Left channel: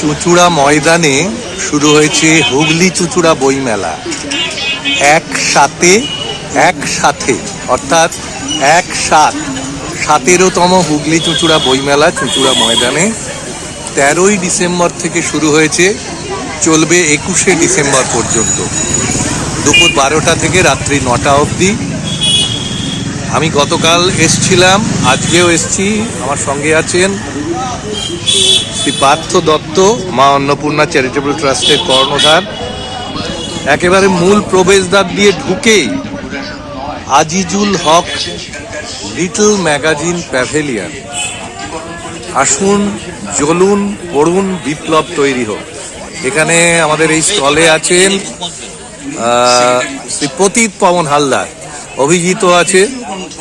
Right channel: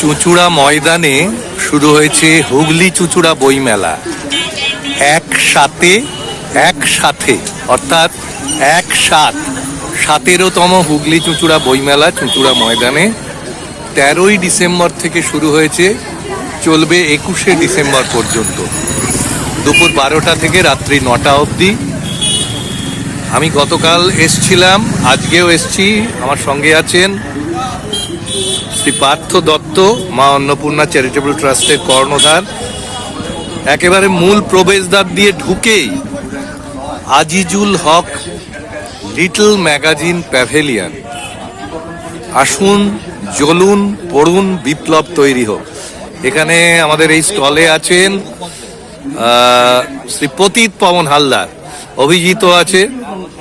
চুঁচুড়া ময়দানে শুরু হয়েছে হুগলি চুঁচুড়া বইমেলা। একসাথে অর্থাৎ 17তম হুগলি চুঁচুড়া বইমেলা চুঁচুড়া ময়দানে 13ই ডিসেম্বর থেকে শুরু হয়েছে, চলবে 21শে ডিসেম্বর পর্যন্ত, দুপুর 12টা থেকে রাত্রি 9টা অবধি। আমি গতকাল এসছিলাম, আজকেও এসছি। আমার সঙ্গে আছেন শ্রী পার্থ দত্ত, মা অন্নপূর্ণা চ্যারিটেবল ট্রাস্টের কর্ণধার। একেবারে মূল প্রবেশদ্বার দিয়ে ঢুকেই আজিজুল হক লিটল ম্যাগাজিন প্যাভিলিয়ন। আসুন, জ্বলুন, পড়ুন, বিপ্লব তৈরি হোক। এখানে আমাদের এই স্টলে আছেন শ্রী পতিত পবন হালদার, অভিজিৎ আছে।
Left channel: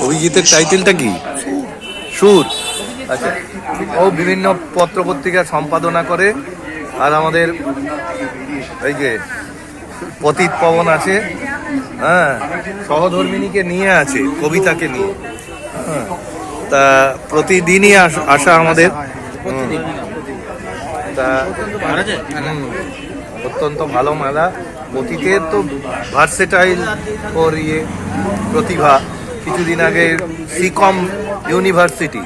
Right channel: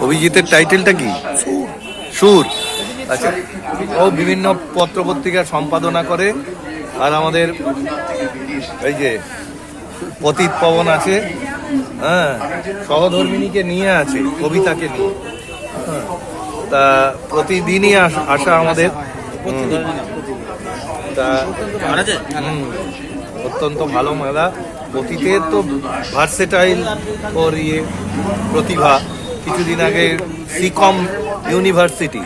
অভিজিতের টাইটেলটা কি? সুর। আচ্ছা, ও বিভিন্ন পত্রপত্রিকা সম্পাদনা করে। আর আমাদের এই যে পতিত পবন আছে, হ্যাঁ, সহধর্মিনীকে নিয়ে আছে, কবিতাকে নিয়ে। তা প্রতিদিনই আসা আমাদের, তা অত্যন্ত ভালো মেলা। পতিতের তো ভার্সেটাইল ওর প্রতিভা। কিছুদিন আগে সিকম ইউনিভার্সিটি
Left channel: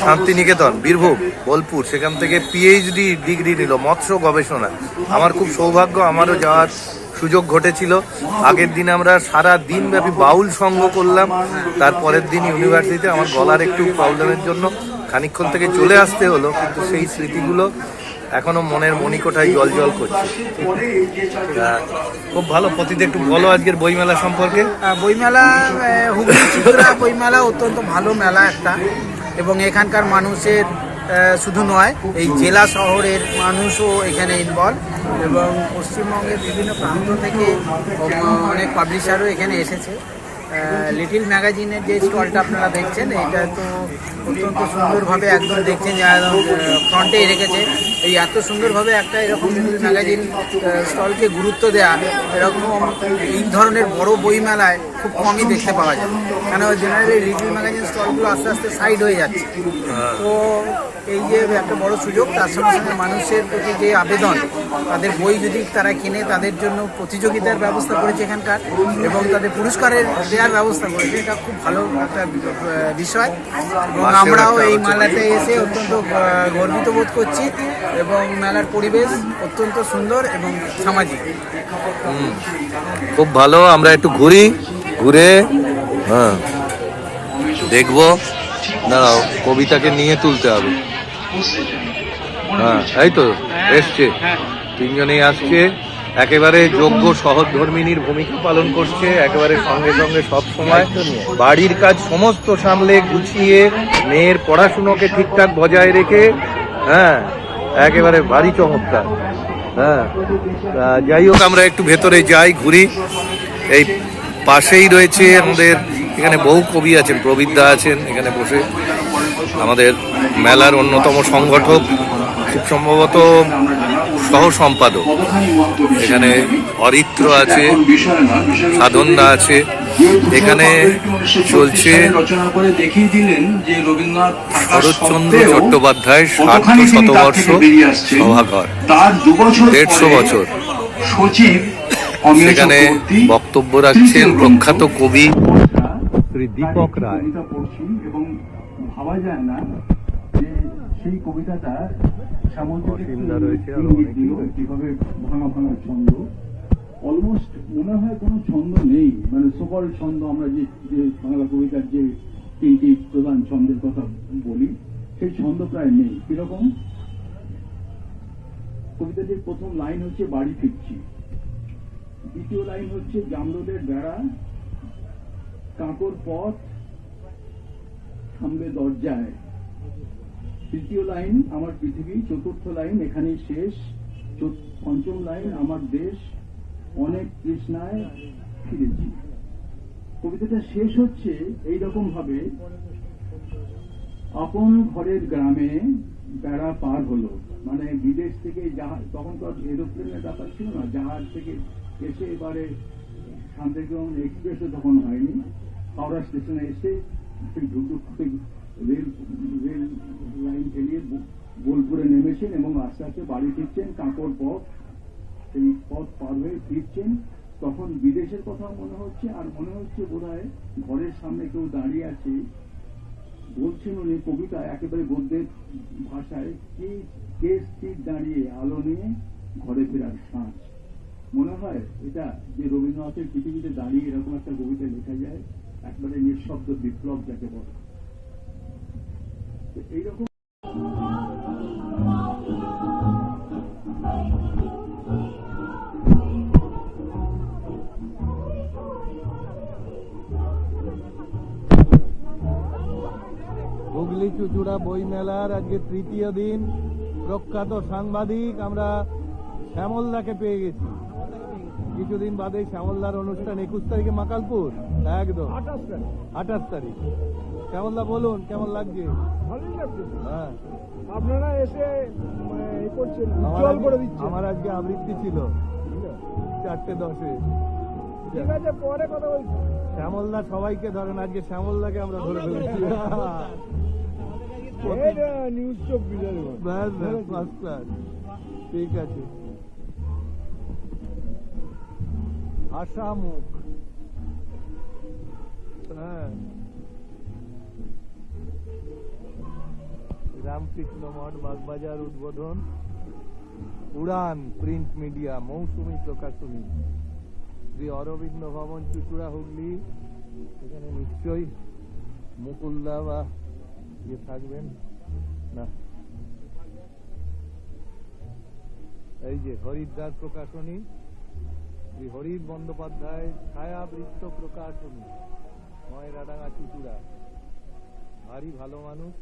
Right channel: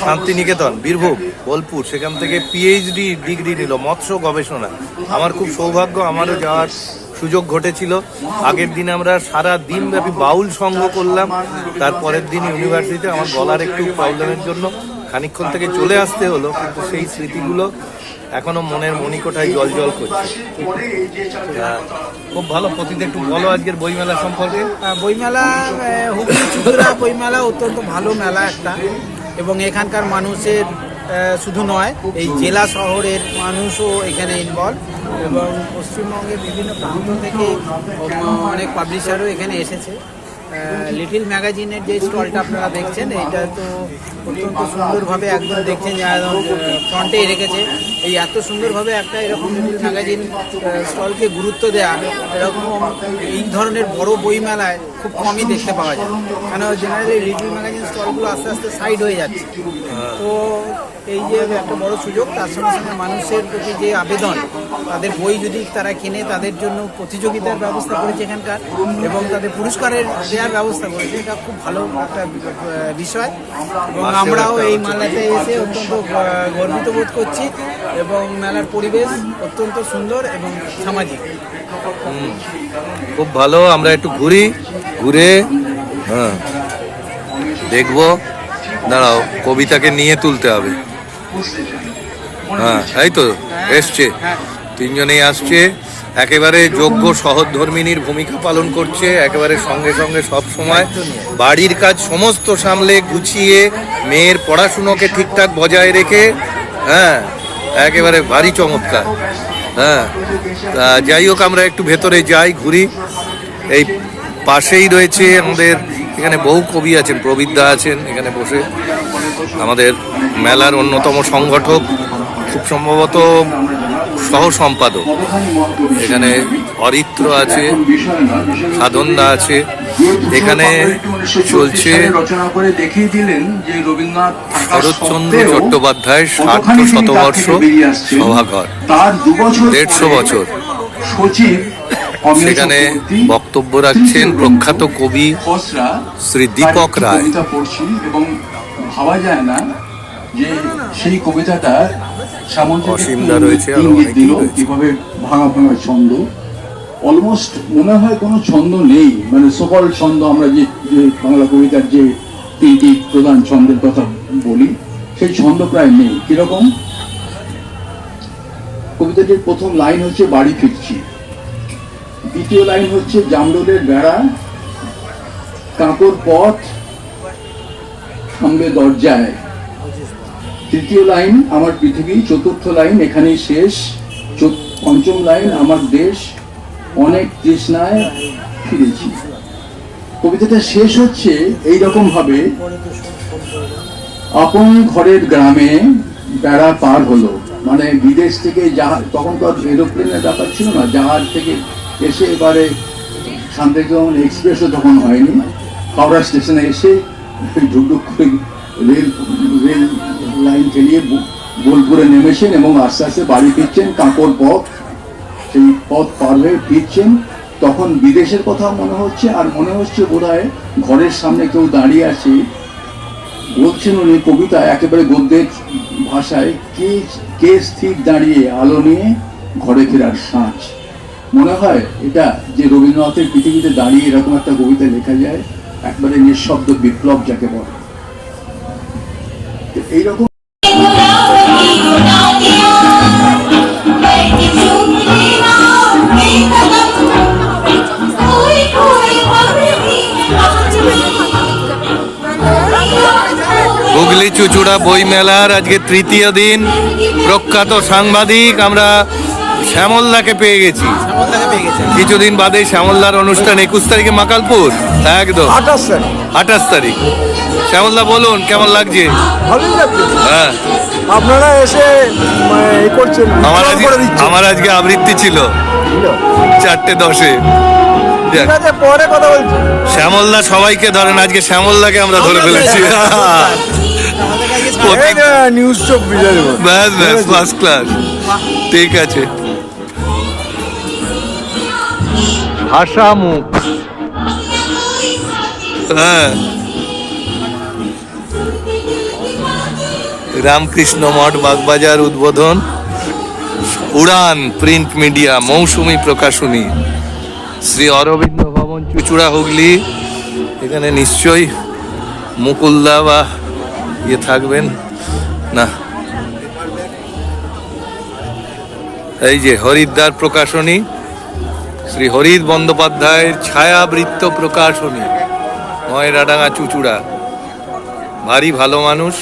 শান্তিনিকেতন বীরভূম বোলপুর, সেখান থেকে পিএইচডি ডিগ্রি নিল মৎস্য গবেষণা। আমার খুব সৌভাগ্য, আমারও যাওয়ার সুযোগ ঘটেছিল। আগের দিন আমরা সারা দিন ব্যাপী বাউল সঙ্গ করলাম, তারপরের দিন ইউনিভার্সিটিতে। আমার গলার একটু প্রবলেমের জন্য খানিকক্ষণ থেকে চলে আসতে হলো, কিন্তু সেই স্মৃতিগুলো এখনো মনের মণিকোঠায় জল জল করছে। খুব ভালো। প্রতিদিন একটু বলো আজকের বইমেলা সম্পর্কে। বইমেলা, হুগলি চুঁচুড়া বইমেলা অত্যন্ত ভালো মেলা একটা, এবং এখানকার মানুষের শুধু নয়, এই জেলা শহরের মানুষও এখানে ইনভলভ, এবং পশ্চিমবঙ্গের বিভিন্ন প্রান্ত থেকে অনেক পাবলিশারও এখানে এসেছে। লিটল ম্যাগাজিনের যে স্টলটা আপনারা দেখছেন, এটা তো অত্যন্ত সুন্দরভাবে একদম দেখছেন ফ্রন্টে রেখেছে। এই এত সুন্দরভাবে একটা এরকম লিটল ম্যাগাজিন স্টলকে গুরুত্ব দেওয়া, এরকম এই ধরনের বড় বই মেলায় খুব কমই দেখতে পাওয়া যায়। কেন জেনারেলি লিটল ম্যাগাজিন স্টলগুলো আস্তে আস্তে সাইড হয়ে যাচ্ছে। তো এই যে একটা বড় সুযোগ, তার সঙ্গে সঙ্গে মানুষের প্রতি যে আবেদন, তাদের বই যদি তারা কিনে, তাদের জন্য প্রতিযোগিতার ব্যবস্থা করেছে এখানকার, এবং তাদের পুরস্কারের দেওয়ার ব্যবস্থা করেছে। এটা খুব ভালো একটা বিষয়, এবং আমরাও এই মেলাতে এসে অত্যন্ত গর্বিত বোধ করছি। এবং মেলার পরিবেশ অত্যন্ত সুন্দর এবং সামাজিক। খুব ভালো। আমরা একটু ঘুরে দেখবো। দাঁড়াও, কবিতাকে নিয়ে তুলতে হবে। হ্যাঁ, এই তো এসছে, তিনজনেই আসছে। একেবারে যোগ্য সহধর্মিনীর ভূমিকা পালন করছে, একেবারে সঙ্গে সঙ্গে সব সময় বাড়ির কাজ সমস্ত সামলে গুছিয়ে, মেয়ের পড়াশুনোকে ঠিকঠাক বজায় রেখে, হ্যাঁ, একেবারে ভারী চমৎকার। হ্যাঁ, যাই হোক, আমরা একটু ভেতরে যাই, ঘুরি। এই পাশেই রয়েছে আমাদের, এখানে বহু কবি আছেন, প্রবীরদা আছেন এখানে বসে, আমাদের মেলার অন্যতম সংগঠক, খুব সম্ভবত সহ সম্পাদক। এখানে অরিত্র আছে, সাধনদা আছে। এখানে চলছে শরৎচন্দ্র চট্টোপাধ্যায়ের সার্ধ শতবর্ষ সভাঘর, 150 বছর। সেখানে বক্তব্য রাখছেন প্রখ্যাত কবি শ্রী দীপক রায়। ভাবা যায় না যে সেই কবিতাটা অসীমদা রয়েছে, কিভাবে ভাঙা ভাঙা ছন্দ, অলমোস্ট মনে হয় কোনো ছন্দ নেই। মানে সকল ছন্দ, আমরা যে বাংলা কবিতার যে 3টি প্রধান ছন্দের কথা বলি, সেই ছন্দ প্রায় নেই। কিরকম? কবিতাটির প্রথম লাইন হচ্ছে বাড়ি ফিরছি, দ্বিতীয় লাইন হচ্ছে জামরুলের বেড়া, কাঁকর পথ সামনে দরজায়, তৃতীয় লাইন আমার পৃথিবী, চতুর্থ লাইন এখানেই শেষ, পঞ্চম লাইন আমার দেশ, অনেক তৃষ্ণায় ফিরেছি। কবিতাটা শেষ হচ্ছে এইরকম ভাবে, আপন ঘরের গ্রামে বেড়া পার হলো। মানে বিদেশ থেকে জাহাজ, তখন তো এরোপ্লেনের ব্যাপার ছিল না, জাহাজ থেকে এসে এবারে শান্তিনিকেতন এক্সপ্রেসও তখন হয়নি, হাওড়া স্টেশনে এসে ঢুকঢুক করে রেল লাইন চালিয়ে বোলপুরে নেমেছেন এবং আস্তে আস্তে বাড়ি ফিরছেন, কাঁকর পথ, সেই পথ পার হয়ে ফিরছেন। তখন বিদেশের কথা মনে হচ্ছে, আর মনে হচ্ছে বোধহয় ঘরের সামনে কেউ দাঁড়িয়ে আছে। বলছেন উনি কবিতা একেবারে গদ্যের ভাষায়, কে কে স্থির দাঁড়িয়ে আলো নিয়ে ঘরে ফেরার সাঁঝ। মনে হয় এটা যে রবীন্দ্রনাথের পৃথিবীতে দাঁড়িয়ে এরকম একটা কবিতা লেখা যায়, একবারে নিঃশব্দ বিপ্লব যাকে বলে। এইরকম হুগলি চুচুড়া বই মেলার আজকে তৃতীয় দিন। প্রখ্যাত সাংবাদিক আমরা শ্যামলদাকে পেয়ে গেছি। কিছুদিন বাদে শ্যামলদার অনুষ্ঠান 21 তারিখে মাকালপুর, একদম 28 তারিখ। শ্যামলদা বলুন কেমন লাগছে? ভালোই লাগছে। হ্যাঁ, আপনারা এসে এ করছেন, আমার আজকে আবৃত্তি ছিল 4:10-এ। ঠিক আছে, পরে কথা বলছি। শ্যামলদা সবাইকে ধরেন, আজকে শ্যামলদাকে আমরা ধরে ফেলেছি। নিউজ 24 ব্যাস ব্যাস, ফার্স্ট ক্লাস। ঠিক আছে। ভাষা মুখ, হ্যাঁ, রামকৃষ্ণ মঠ বাগবাজার উদ্বোধন, উড়ান প্রিন্ট মিডিয়া মৌসুমী প্রকাশনী, শ্রী অরবিন্দ ভবন চুচুড়া হুগলি। এখানে নিশ্চয়ই মুকুলদা বা ইয়ে থাকবেন না। এই যে হরিদ্বার প্রকাশনী, শ্রী হরিদ বন্দ্যোপাধ্যায়ের ছায়াবৃত্ত প্রকাশনী, ময়রাডাঙ্গা চুচুড়া। ভারী ভালো মানুষ।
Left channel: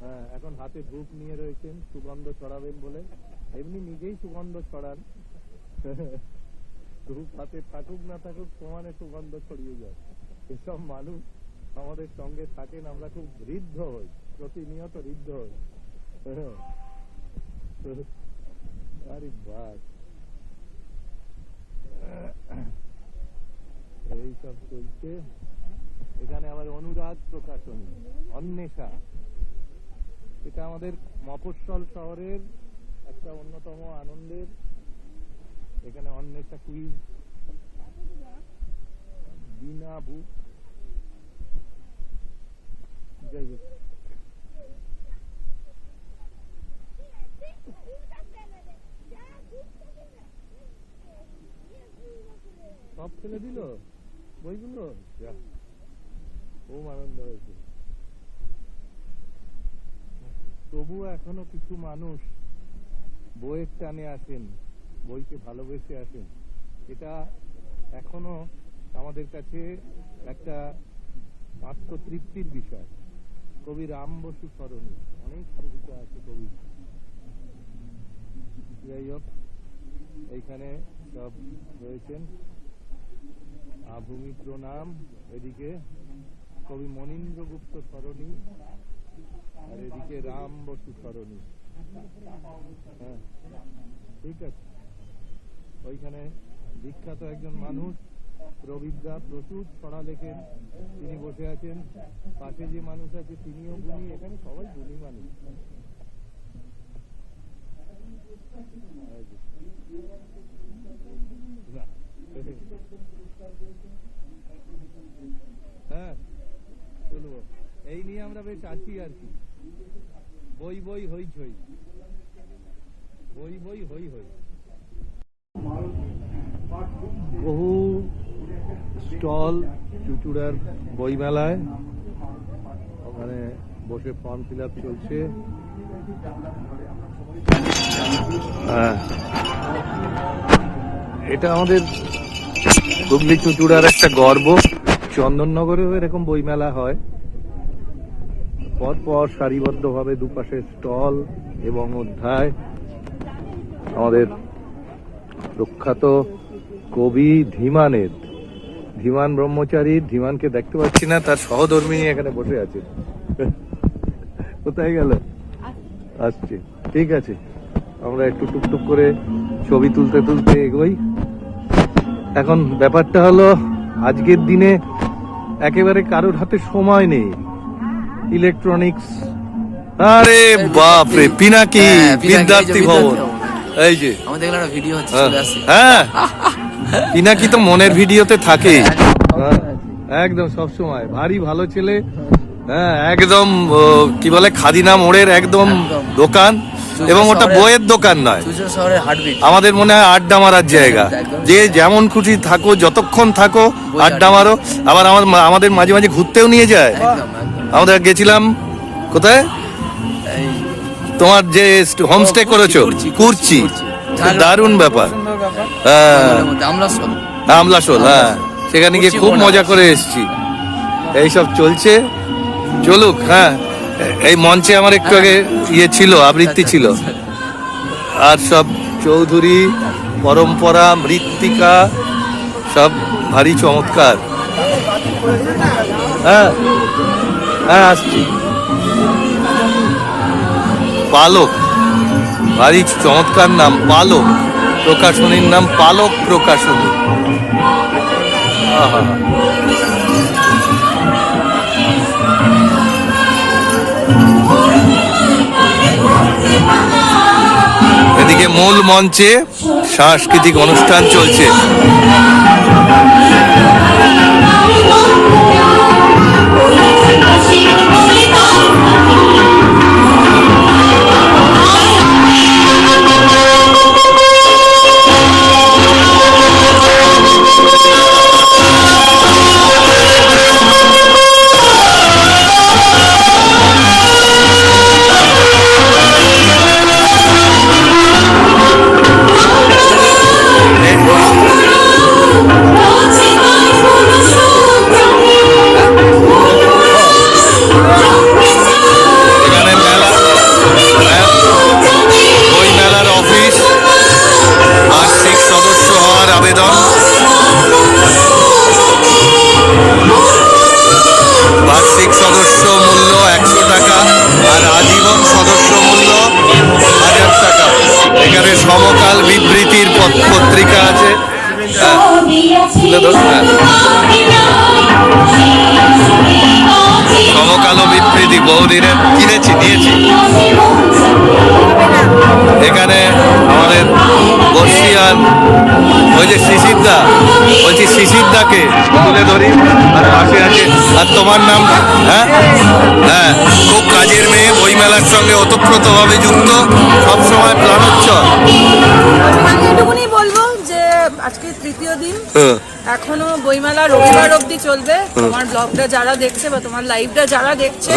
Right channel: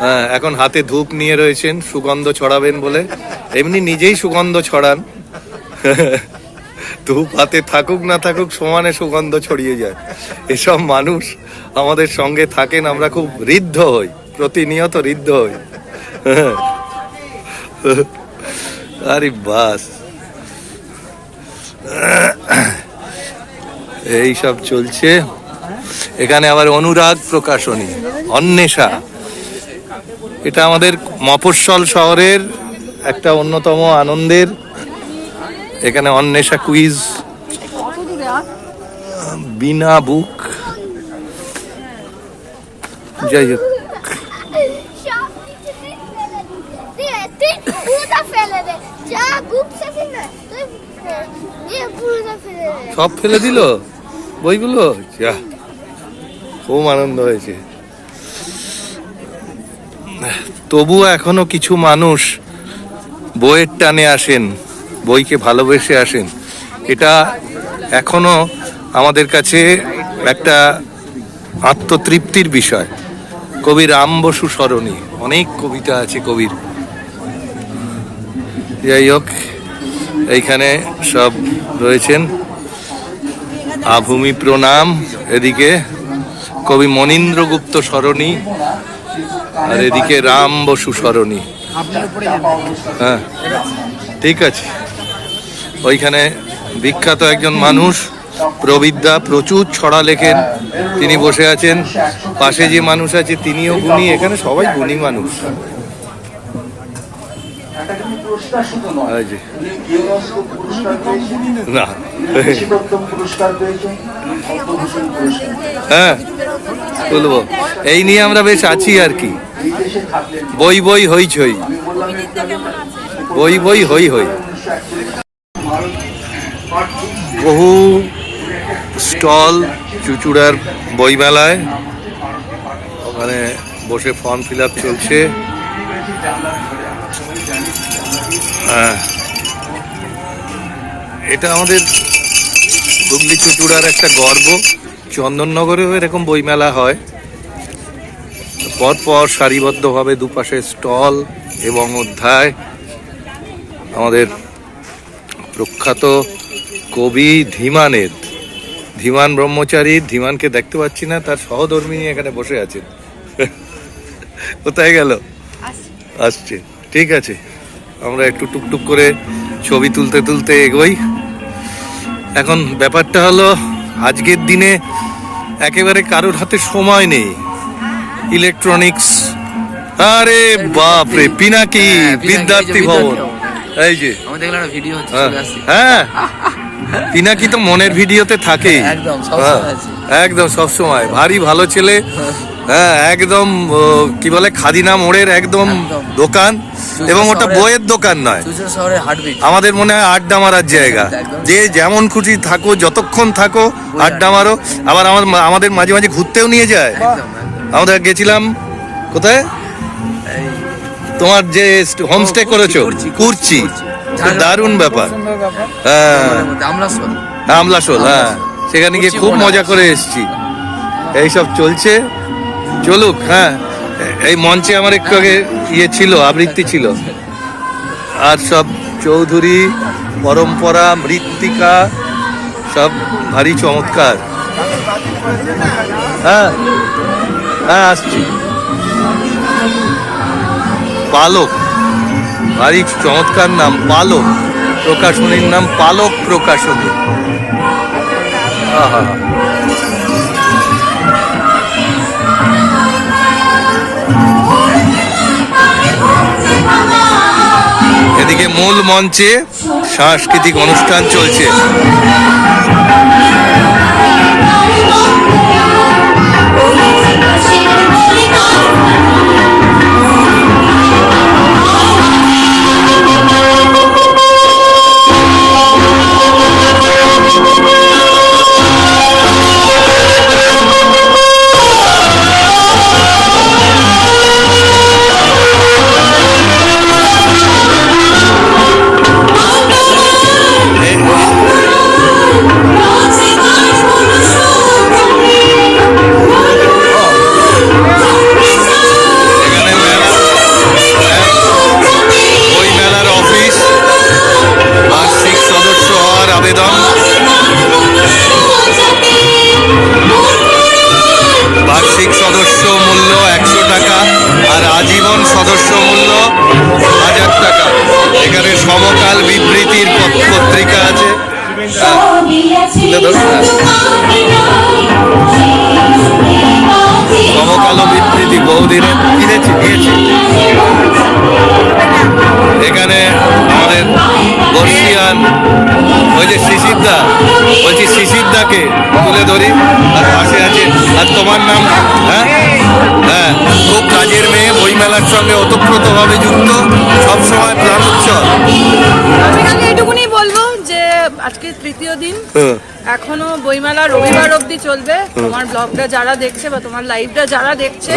হ্যাঁ, এখন হাতে ধূপ নিয়ে রয়েছেন, সুগন্ধ ছড়াবেন বলে। এমনি নিজেই সুগন্ধ ছড়ান। ধূপ হাতে থাকুক না থাকুক সমানে সুগন্ধ ছড়িয়ে যায়। এসব মানুষ আমাদের সঙ্গে থাকেন, আমরা খুব ঋদ্ধ হই, প্রতিনিয়ত ঋদ্ধ হই। আরে বাস, এই সব চলছে। এখানে আবার অনুরাগ প্রকাশনী, অন্বেষা। এটা আমাদের মফস্বল শহরের একটা অন্যতম আনন্দের। এখানে অন্বেষা কুইজ, বিনা বুক, যাই হোক। সব ফেলে দিল বইগুলো, যা খুব আনন্দ হয়েছে। তবুও এখনো কিছু মানুষ বইয়ের টানে আসেন, বইকে ভালোবেসে আসেন। এটা এখনো আমাদের কাছে একটা আত্মতৃপ্তির বিষয়। কবি রাম বসু স্মরণী, অনেক কবিতা আছে কবির। যাই হোক, এইখানে সব রয়েছেন। আভূমি প্রণাম, এদিকে কবি মনীন্দ্রগুপ্ত স্মরণী, আর এদিকে রাম বসু স্মরণী। হ্যাঁ, ঠিক আছে। ওইখানে বিখ্যাত একজন মানুষ প্রবিদ্যা, প্রচুর ছড়া লেখেন, তিনি বসে আছেন। পাশে যে মানুষ আছে তিনিও গুণী। এখানে সবাই গুণী মানুষ। না, হ্যাঁ বলবো, এই নিয়ে আমরা বেশ আছি আর কি। বই বই হইচই, বই বই হই হই। বহু স্টল চুচুড়ার বইমেলায়, ওখানে বসে ফর্ম ফিল আপ চলছে। হ্যাঁ, এটা আমাদের হুগলি চুচুড়ার একটা গর্ব। চন্দননগরেও এরকম বইমেলা হয়, পরপর সারিবদ্ধভাবে দুপাশে স্টল এবং অধ্যায়। আমাদের প্রখ্যাত কবি ধীমানের, ধীমান ব্রহ্মচারী, ধীমানকে দেখতে পাচ্ছি না, তার সহধর্মিনী এখানে বসে আছেন। কোথায় গেল? আসছে, ঠিক আছে। আমরা একটু টুকটুক করে ছবি তুলতে তুলতে এগোই। এখন ব্যাপারটা হলো, আজকের দিনে একেবারে কারোর হাতে সময় নেই। ইলেকট্রনিক্স আরে বাপ রে, পিনাকি বিদ্যার্থী ভবন, এই যে আমাদের এখানে ভিডিও হচ্ছে, হ্যাঁ, চলে আসছে। হ্যাঁ পিনাকি তো মনের ভিডিওতে থাকে, একদম, সবসময় আছে। একদম সবসময় ভারী ভালো ছেলে। হ্যাঁ একদম কি বলে খাদিনা মোড়ের একদম একদম। দোকান, এবং ওটা শহরের- বইয়ের দোকান নয়, চুচুড়া শহরের হার্টবিট। আমাদের মনে হয় আড্ডা মারার জায়গা। একদম। যে যেমন খুশি থাকো, যতক্ষণ থাকো আড্ডা মারো। আবার আমাদের মাঝে মাঝে ঘুরতেও নিয়ে যায়। আমরা গেছিলাম কোথায়, তোমার যে হোমস্টে করেছো কুর্চি, দারুণ ব্যাপার। হ্যাঁ আমলাশোল, হ্যাঁ সেখানে গিয়ে খুব মজা করে এসেছি। এইসব চলছে, চলুক। হ্যাঁ এই মঞ্চে আমার একটু আগে ইয়ে ছিল, আবৃত্তি ছিল। আর সব চৌধুরী পরম্পরা মৃত্তিকা সব ভারী চমৎকার। হ্যাঁ হ্যাঁ আসছি। পালক, ভারী চমৎকার নাম, পালক প্রকাশনীর নাম পালক প্রকাশনী। আহা, এদিকে মূল মঞ্চে সাংস্কৃতিক অনুষ্ঠান চলছে। এখানে মেলা, বই মেলার অফিস, বার্ষিক সদস্য হওয়ার আবেদন। বার্ষিক সদস্য মূল্য 100 টাকা আর আজীবন সদস্য মূল্য 1000 টাকা। এখানে সমকাল বিবৃতির পত্রিকা আছে। হ্যাঁ, তুলে ধরো। হ্যাঁ, সমকালো বিবৃতি বহুদিনের কিনেছি, নিয়েছি। এখানে আমাদের বর্ষিয়ান ওই যে শিশিরদা, বলছি শিশিরদাকে তুলে ধরি। আর পাশে আছে, আর তোমার নাম? হ্যাঁ হ্যাঁ, খুব কাজের মেয়ে, বইমেলার সঙ্গে ওতপ্রোতভাবে যুক্ত, সবসময় প্রাণোচ্ছল। আমি এটুকুনি বলবো যে আজকে তৃতীয় দিন, হ্যাঁ, এখনো বইমেলা রবিবার অবধি চলবে। তোমার ব্লগটা যারা দেখছে বা তোমার লাইভটা যারা দেখছে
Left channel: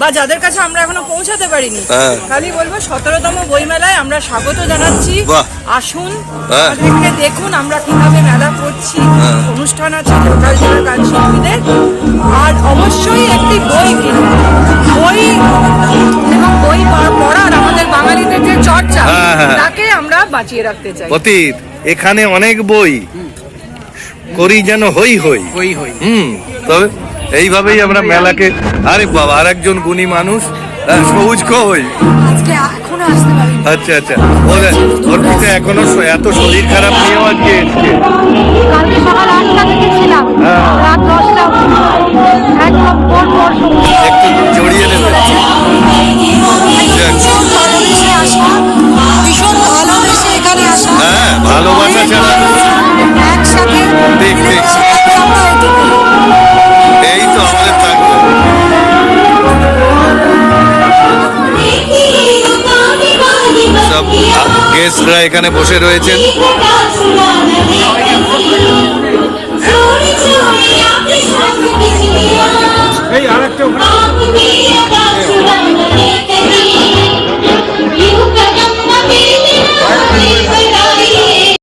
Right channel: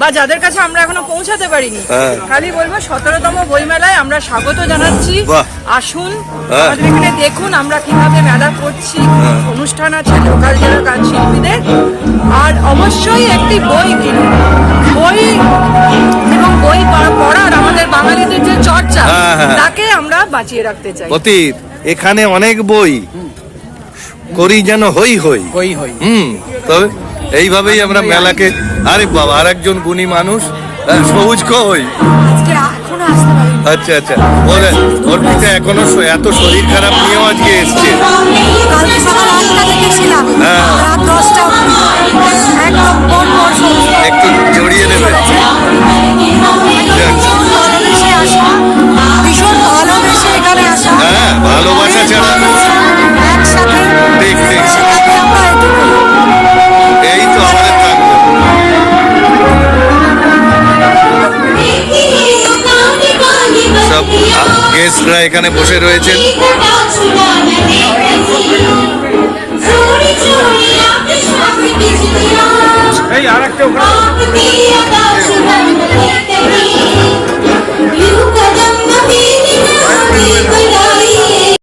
বা যাদের কাছে আমরা এখনো পৌঁছাতে পারিনি, হ্যাঁ। খালি বলবো 17তম বইমেলায় আমরা স্বাগত জানাচ্ছি। বাহ। আসুন, হ্যাঁ। আমাদের এখানে দেখুন আমরা কিভাবে মেলা করছি। হ্যাঁ। অনুষ্ঠান আছে লোকাল যারা গান শিল্পীদের, আর অবশ্যই একটি বই কিনুন। বই এবং বই পড়ার আমাদের বাঙালিদের যে চর্চা, হ্যাঁ, হ্যাঁ। তাকে আমরা বাঁচিয়ে রাখতে চাই। অতীত এখানে অনেক বই করি যেন হই হই। তবে এইভাবেই আমরা মেলাকে। আরে বাবা, আর একজন গুণী মানুষ, সবুজ কই? আজকে এখনো আসতে পারিনি। আচ্ছা আচ্ছা, ওর পিতা এখনো এত শরীর খারাপ নিয়েও আজকে এসছে। কালকে সকাল 8টা থেকে ছিলাম, হ্যাঁ। রাত 10টা একদম পর পর সমস্ত একটু জড়িয়ে নেবে। চলেছে। একদম যাক। ভীষণ ভালোবেসে আসা, ভীষণ ভালোবেসে এখানে আসা। হ্যাঁ, ভালোবাসা ছাড়া। ভীষণ একসাথে ঠিক, ঠিক। মিলেমিশে থাকি আমরা, এটুকুই। এই তো আমাদের থাকবে। সব গেস্টরা এখানে বসে রয়েছেন।